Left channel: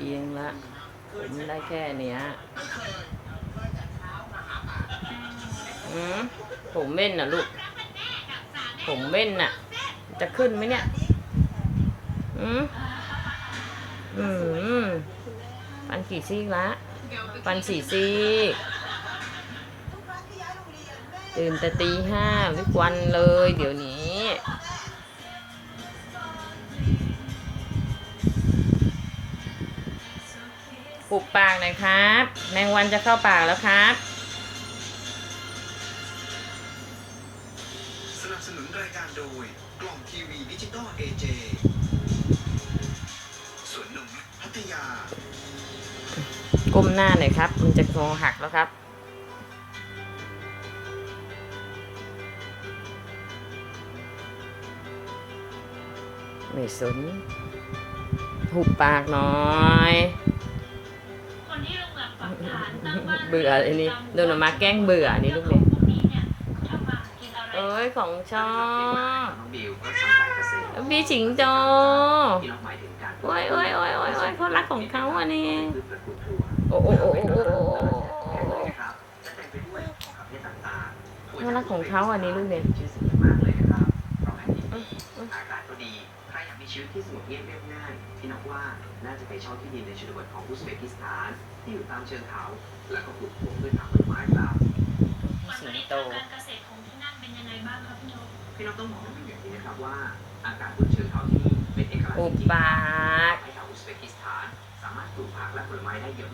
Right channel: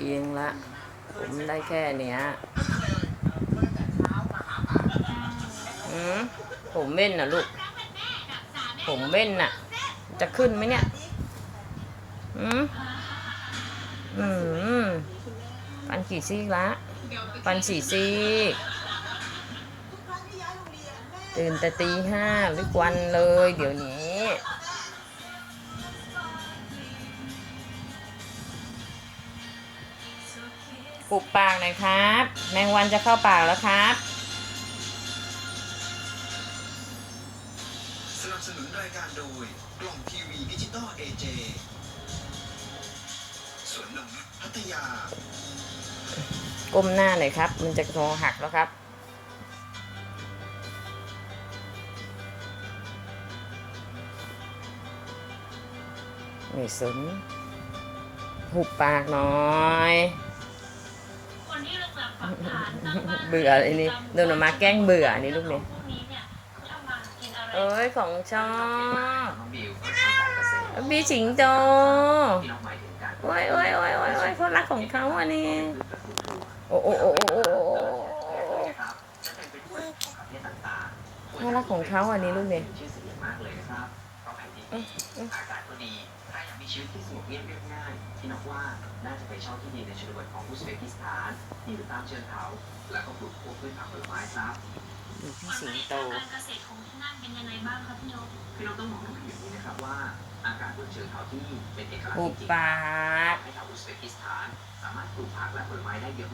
เองละผมได้แค่เนี้ยอืมผมเม่นน่ะลูก ผมเม่นน่ะ จะขึ้นไหมเนี่ย อืมอืมปันกี่ซี่ละ ปันสี่ซี่ตื่นแต่ตีห้าทุกวันเลย เดี๋ยวนี้ ปุบปากหน่อยครับ แมงวันจะเข้าปากแล้วครับ สนับสนุนรายการโดยกล่องทีวีดิจิตอลเอเจสวนนงนุษย์พัทยา ก้มหน้าหน่อยครับ มันจะงอหักแล้วครับไม่สนหุบปากหน่อย เบื่อไอ้นี่เดินออกมาแกล้งเบื่อนี่ลูกเนี่ยพวกนี้เนี่ยทำมากินอะไรเอ้ยของชอบน้องบิวก็ทำการเกษตรพี่สิงโตที่น้องหมายถึงการโอ้ยโอ้ยโอ้ยโอ้ยโอ้ยเขารักของเขาอะนี่พืชและปลูกปลูกโอ้โอ้โอ้โอ้โอ้โอ้นะครับจะเป็นไปด้วยของประเภทต่างๆเขารักของเขาอันนี้ลูกเนี่ย ชื่อเสียงมากเลยนะครับเพราะแผ่นดินดีอากาศก็ดีถ้าอยากมีชีวิตที่สงบเงียบเรียบง่ายพี่นักว่าน่าจะไปเช่าที่ดินในชนบทของอุซเบกิสถาน ที่อยู่ตามเชิงเขา และก็ปลูกพวกพืชผักผลไม้ครับพี่สิงโตการเกษตรของที่นั่นเป็นยังไงบ้างครับพี่นกพี่น้องต้องบอกน้องอย่างนี้นะครับว่าอากาศบนเชิงเขาที่นี่เป็นเอกลักษณ์หุบจริงๆปากให้ชาวอุซเบกิสถานสามารถปลูกผักและผลไม้ได้เยอะ